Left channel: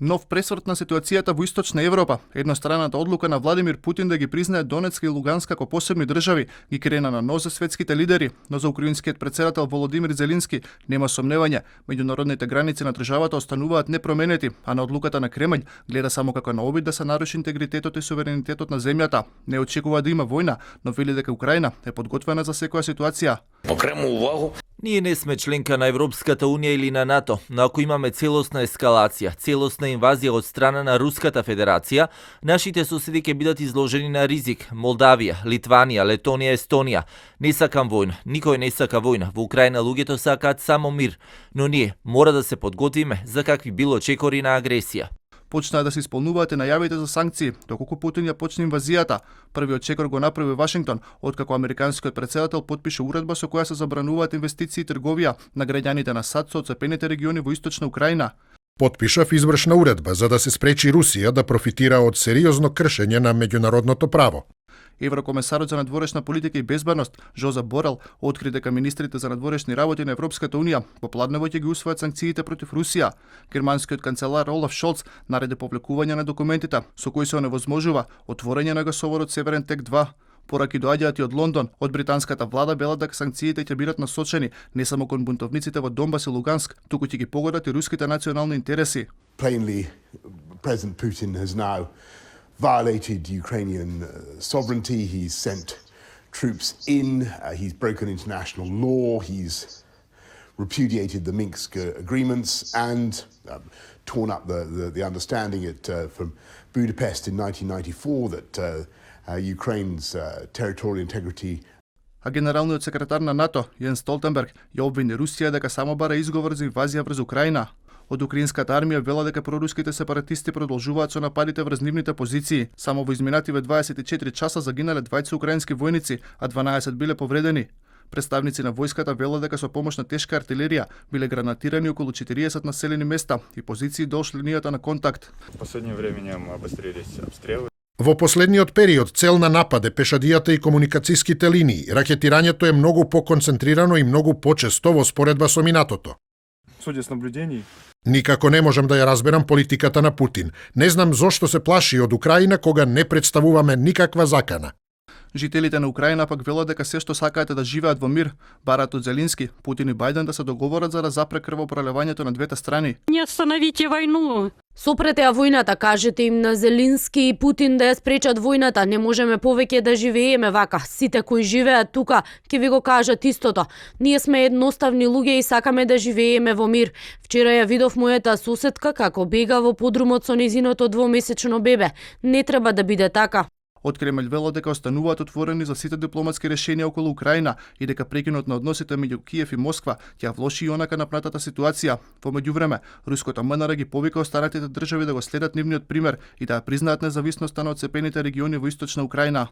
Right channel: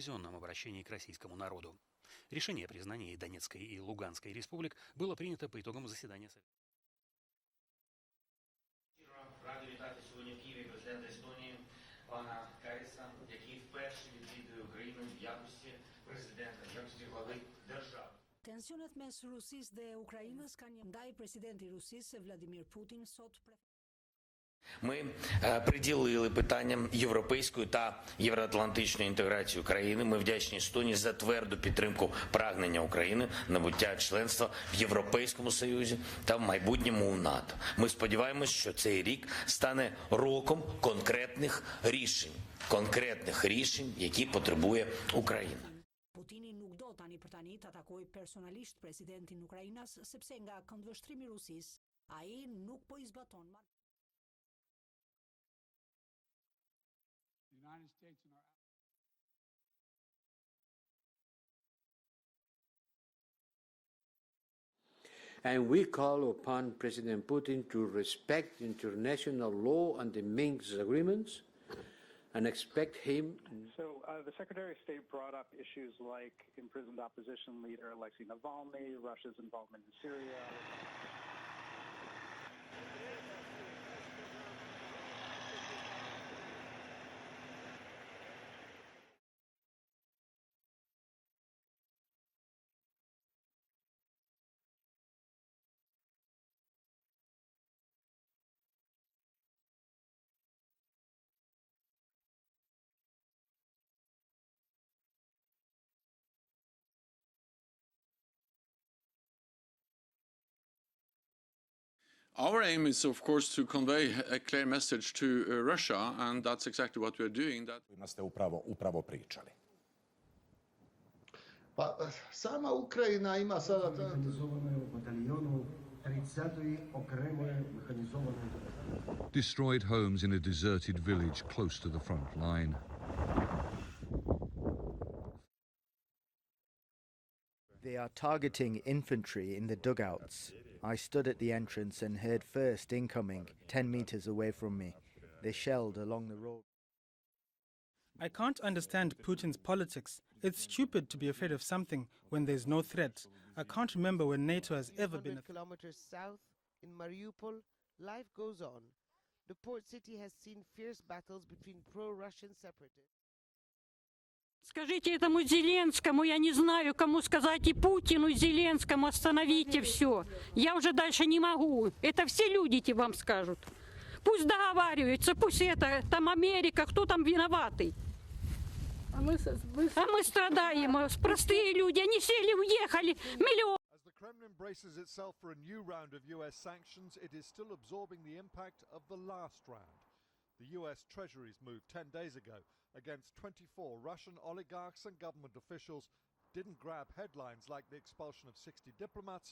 Нов пресврт на ситуацијата во Источна Европа. Едностраната одлука на Владимир Путин да ги признае Донецка и Луганска како посебни држави ги крена на нос за светските лидери, но за украинскиот председател Володимир Зеленски нема сомневање. Меѓународните граници на државата остануваат непроменети, а на одлуката на Кремљ гледа само како на обид да се наруши интегритетот и суверенитетот на земјата. Не очекува да има војна, но вели дека Украина е подготвена за секоја ситуација. Ние не сме членка на Европската унија или на НАТО, но ако имаме целосна ескалација, целосна инвазија од страна на Руската Федерација, нашите соседи ќе бидат изложени на ризик. Молдавија, Литванија, Летонија, Естонија. Не сакам војна, никој не сака војна. Во Украина луѓето сакаат само мир, но ние мора да се подготвиме за какви било чекори на агресија. Почнаа да се исполнуваат најавите за санкции, доколку Путин ја почне инвазијата. Првиот чекор го направи Вашингтон, откако американскиот председател потпише уредба со која се забрануваат инвестиции и трговија на граѓаните на САД со оцепените региони во Источна Украина. Потпишав извршна уредба за да се спречи Русија да профитира од сериозно кршење на меѓународното право. Еврокомесарот за надворешна политика и безбедност Жозеп Борел откри дека министрите за надворешни работи на Европската унија попладнево ќе ги усвојат санкциите против Русија. Германскиот канцелар Олаф Шолц нареди публикување на документите со кои се оневозможува отворање на гасоводот Северен тек 2. Пораки доаѓаат и од Лондон. Од британската влада велат дека санкциите ќе бидат насочени не само кон бунтовниците во Донбас и Луганск, туку ќе ги погодат и руските национални интереси. Plainly, President Putin has now violated Ukrainian sovereignty. He's sent troops in. He's broken international law. He's repudiated the Minsk agreements and torn up the understanding from Budapest in 1994 that Ukraine's territorial integrity. А генералниот секретар на НАТО, Јен Столтенберг, ја обвини Русија дека само бара изговор за инвазија врз Украина. Од украинската армија вела дека проруските сепаратисти продолжуваат со нападите врз нивните позиции. Само во изминативе 24 часа загинале 20 украински војници, а 12 биле повредени. Представници на војската велат дека со помош на тешка артилерија биле гранатирани околу 40 населени места и позиции долж линијата на контакт. Во последниот период цел на напад е пешадијата и комуникацијските линии. Ракетирањето е многу поконцентрирано и многу почесто во споредба со минатото. Никако не можам да ја разберам политиката на Путин. Не знам зошто се плаши од Украина кога не представуваме никаква закана. Жителите на Украина пак велат дека се што сакаат е да живеат во мир. Барат од Зеленски, Путин и Бајден да се договорат за да запре крвопролевањето на двете страни. Не остановите войну. Сопрете ја војната, кажете им на Зеленски и Путин да ја спречат војната. Не можеме повеќе да живееме вака. Сите кои живеат тука ќе ви го кажат истото. Ние сме едноставни луѓе и сакаме да живееме во мир. Вчера ја видов мојата соседка како бега во подрумот со незиното двомесечно бебе. Не треба да биде така. Од Кремљ велат дека остануваат отворени за сите дипломатски решенија околу Украина и дека прекинот на односите меѓу Киев и Москва ќе влоши и онака напратата ситуација. Во меѓувреме, руското МНР ги повика останатите држави да го следат нивниот пример и да ја признаат независноста на отцепените региони во Источна Украина.